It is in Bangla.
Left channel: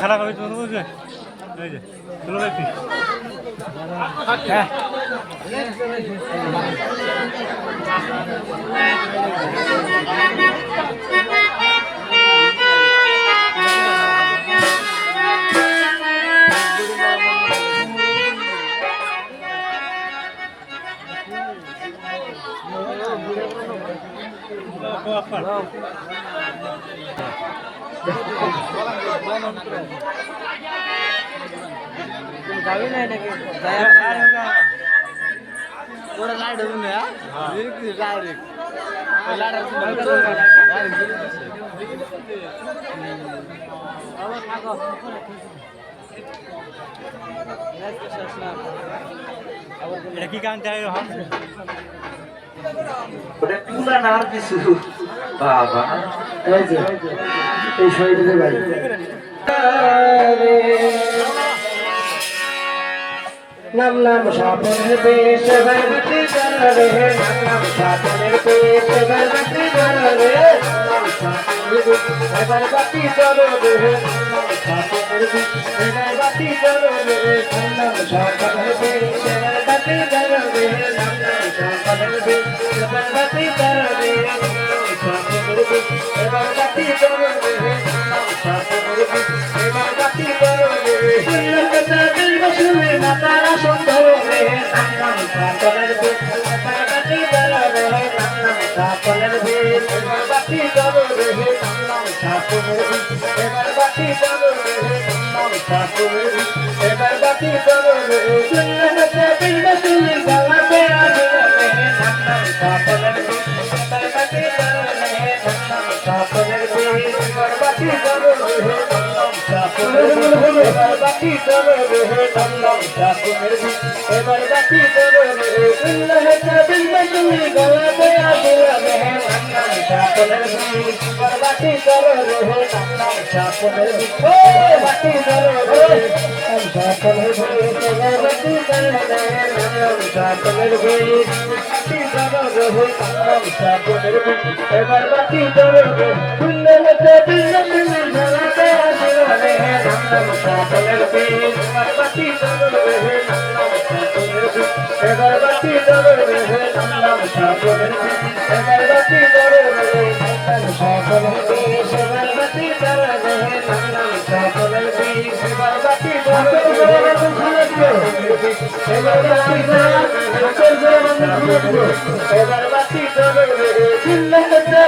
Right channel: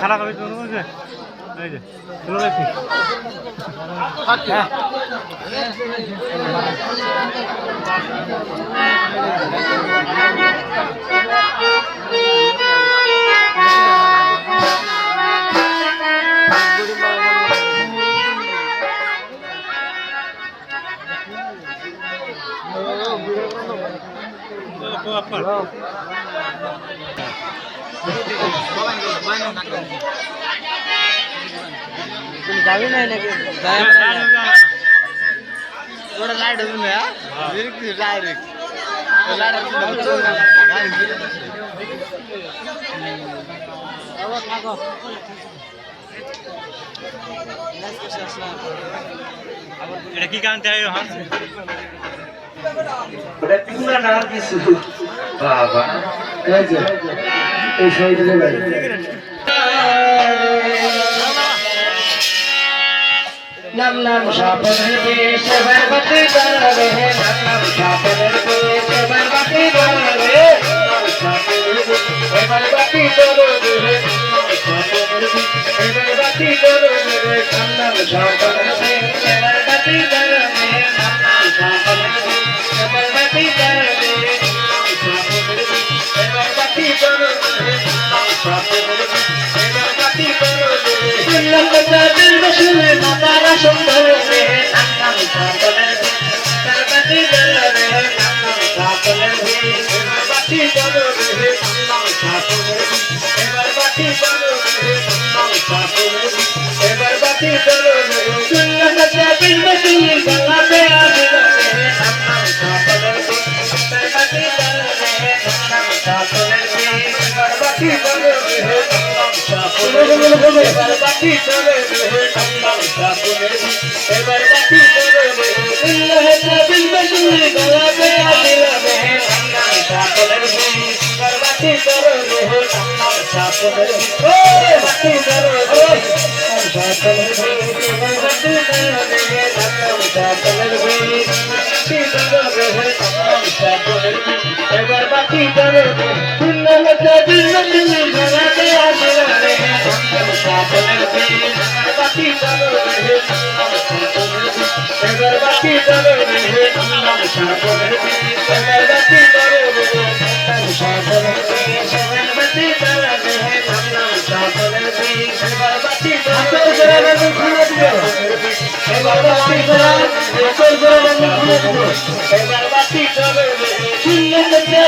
খারাপ হবে তুমি বুঝবে এই যে চলো দেখি এটা কি গান চাই হন ওটা তোমরা না কিছু বাবা এই যে এই সাইডে ভাই নাম নাম সাপনের দেশ বরবাতি করবে নাম নাম সাপনের দেশ বরবাতি করবে বরবাতি করবে বরবাতি করবে নাম নাম সাপনের দেশ বরবাতি করবে নাম নাম সাপনের দেশ বরবাতি করবে বরবাতি করবে নাম সাপনের দেশ বরবাতি করবে সুন্নতটা দিল বসলে মাতারা সুন্দর রে নাম নাম সাপনের দেশ বরবাতি করবে নাম নাম সাপনের দেশ বরবাতি করবে নাম নাম সাপনের দেশ বরবাতি করবে নাম সাপনের দেশ বরবাতি করবে সুন্নতটা দিল বসলে গলাতে আসবে নাম নাম সাপনের দেশ বরবাতি করবে নাম নাম সাপনের দেশ বরবাতি করবে নাম নাম সাপনের দেশ বরবাতি করবে নাম নাম সাপনের দেশ বরবাতি করবে সুন্নতটা দিল বসলে গলাতে আসবে নাম নাম সাপনের দেশ বরবাতি করবে নাম নাম সাপনের দেশ বরবাতি করবে সাপনের দেশ বরবাতি করবে নাম নাম সাপনের দেশ বরবাতি করবে নাম নাম সাপনের দেশ বরবাতি করবে সুন্নতটা দিল বসলে গলাতে আসবে নাম নাম সাপনের দেশ বরবাতি করবে নাম নাম সাপনের দেশ বরবাতি করবে নাম নাম সাপনের দেশ বরবাতি করবে নাম নাম সাপনের দেশ বরবাতি করবে নাম নাম সাপনের দেশ বরবাতি করবে বরবাতি করবে সুন্নতটা